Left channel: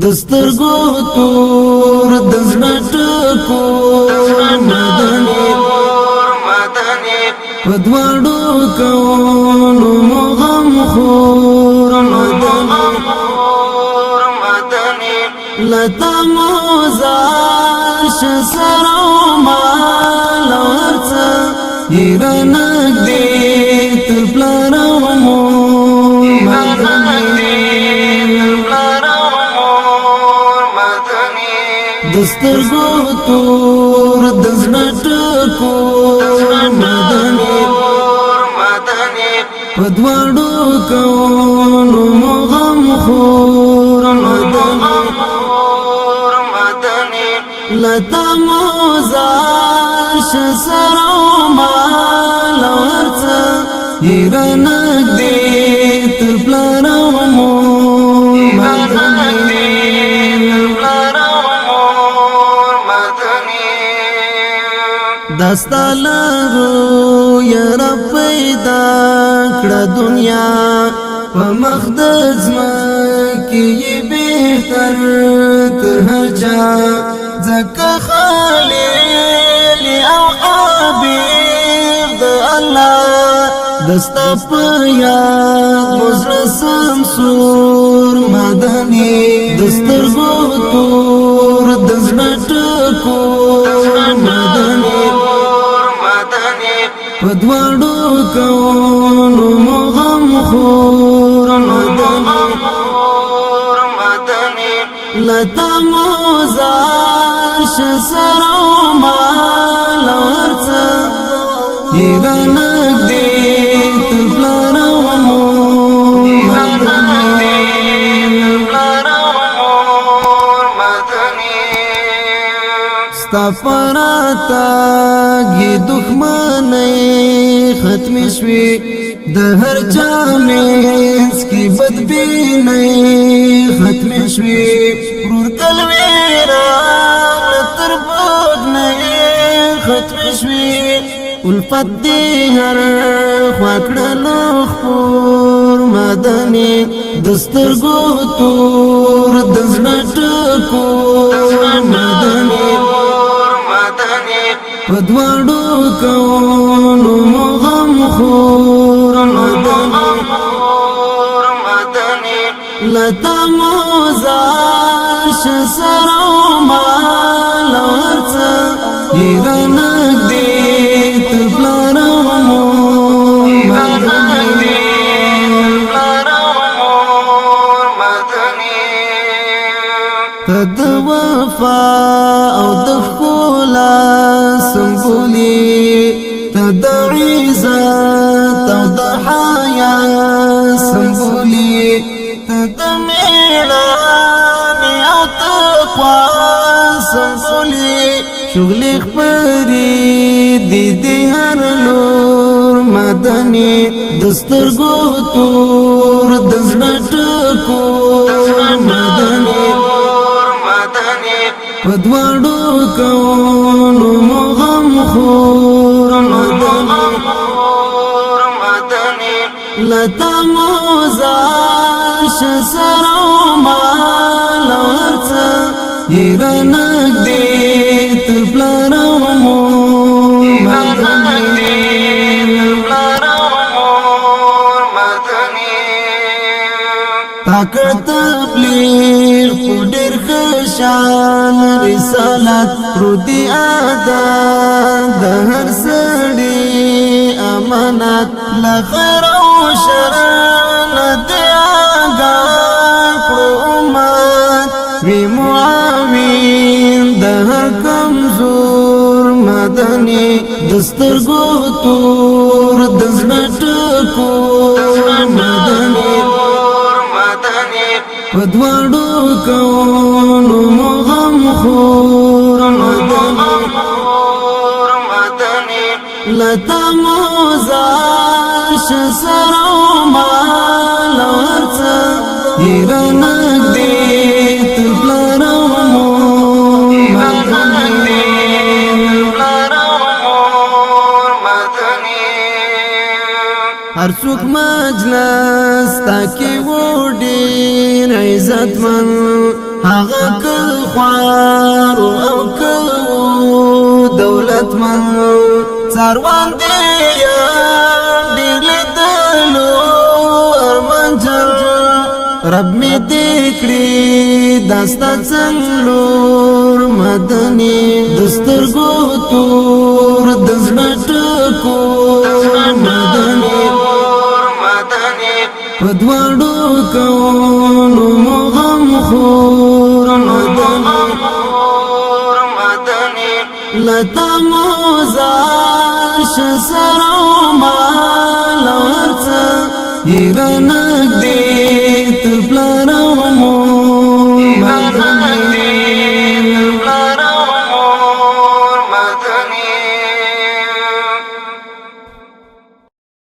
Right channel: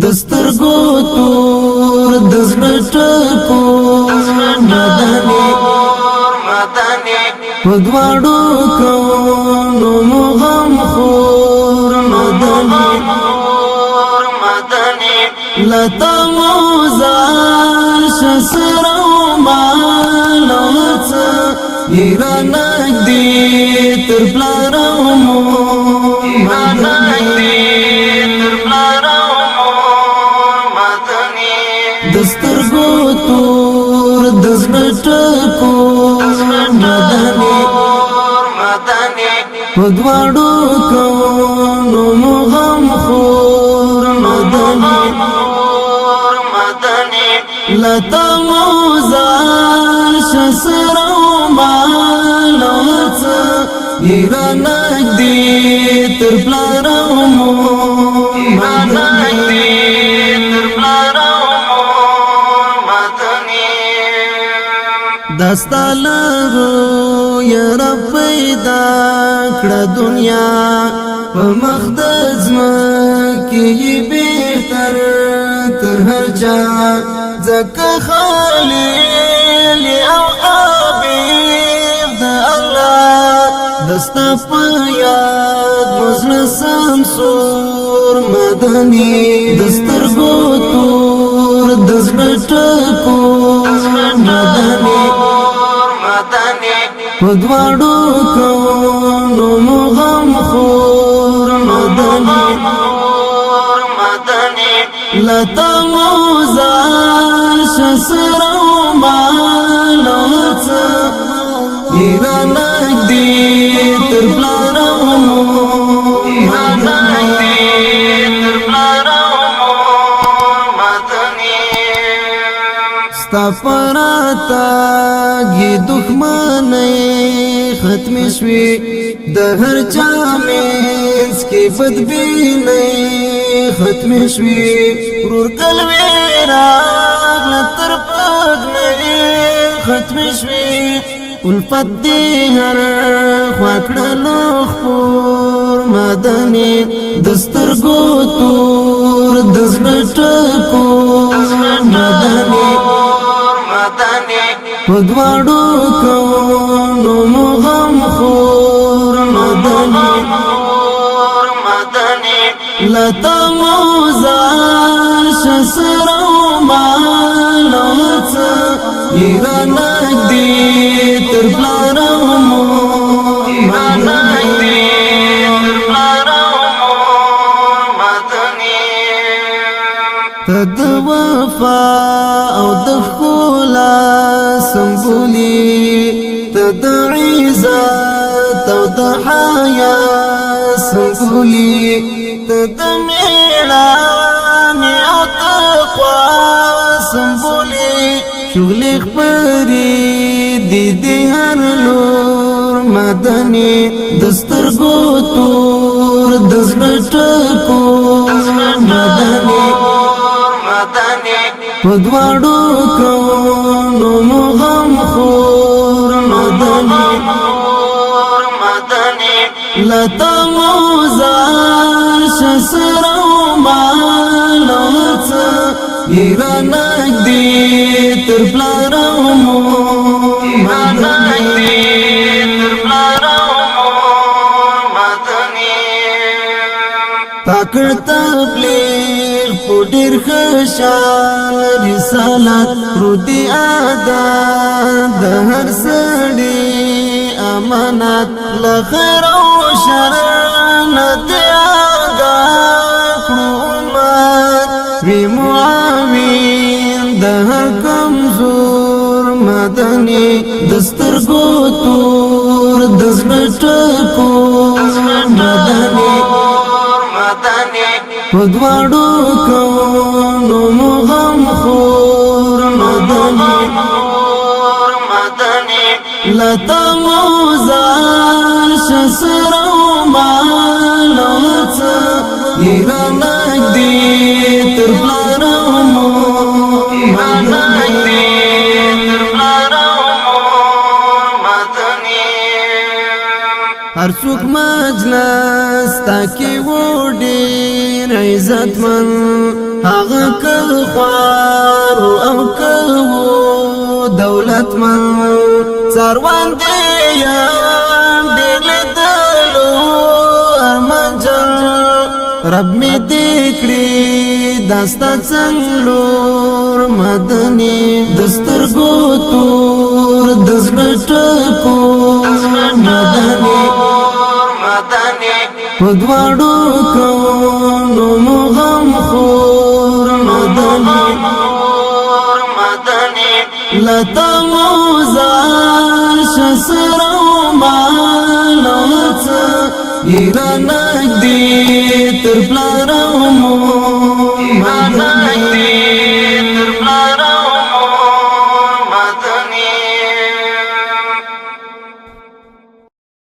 دسترګو تور دزړه ټکور مدني پدواړو کوونو مغم خور مدني لتا موزاش سرو مالوڅ ایرانک دی تر پلارو مو دسترګو تور دزړه ټکور مدني پدواړو کوونو مغم خور مدني لتا موزاش سرو مالوڅ ایرانک دی تر پلارو مو دستالرو یرا پیدا کړه دنیا په مخدز مکی بهتر تر هر چا زکه خلیل او حبیب د الله دستا په یاد وزړه سمسور مدني دسترګو تور دزړه ټکور مدني پدواړو کوونو مغم خور مدني لتا موزاش سرو مالوڅ ایرانک دی تر پلارو مو ستا پراتا گی دښمنۍ ختم شوي د هر چا منځ کې بدبینۍ ختم شوي ورور قلبي راغله تر بدنۍ ختم شوي الفت دی هر خوا کړلو خپور مدني دسترګو تور دزړه ټکور مدني پدواړو کوونو مغم خور مدني لتا موزاش سرو مالوڅ ایرانک دی تر پلارو مو تد وفا او د ښکلا سمبولي تد عزت او د حیا سمبولي تد میړانې او تقوا سمبولي شغلې خپرې دي هر لور مدني دسترګو تور دزړه ټکور مدني پدواړو کوونو مغم خور مدني لتا موزاش سرو مالوڅ ایرانک دی تر پلارو مو پاکړ تبلیغ پډر خشان رسالت رودي ادا د هر سړي امانت لخير او شر نه دی آگا کړو وی معاون د هر کمزور مدني دسترګو تور دزړه ټکور مدني پدواړو کوونو مغم خور مدني لتا موزاش سرو مالوڅ ایرانک دی تر پلارو مو هر څوک مجلس تا کې و ډېر عزت من هغه که خوار او که دولتمن څاروان دی یان ډېر لیدلو ارمانجن رب می دې کړي داستا څنګلور مدني د سترګو تور د زړه ټکور مدني په دواړو کونو مغم خور مدني لتا موزاش سرو مالو څه یرنګ دې تر پلارو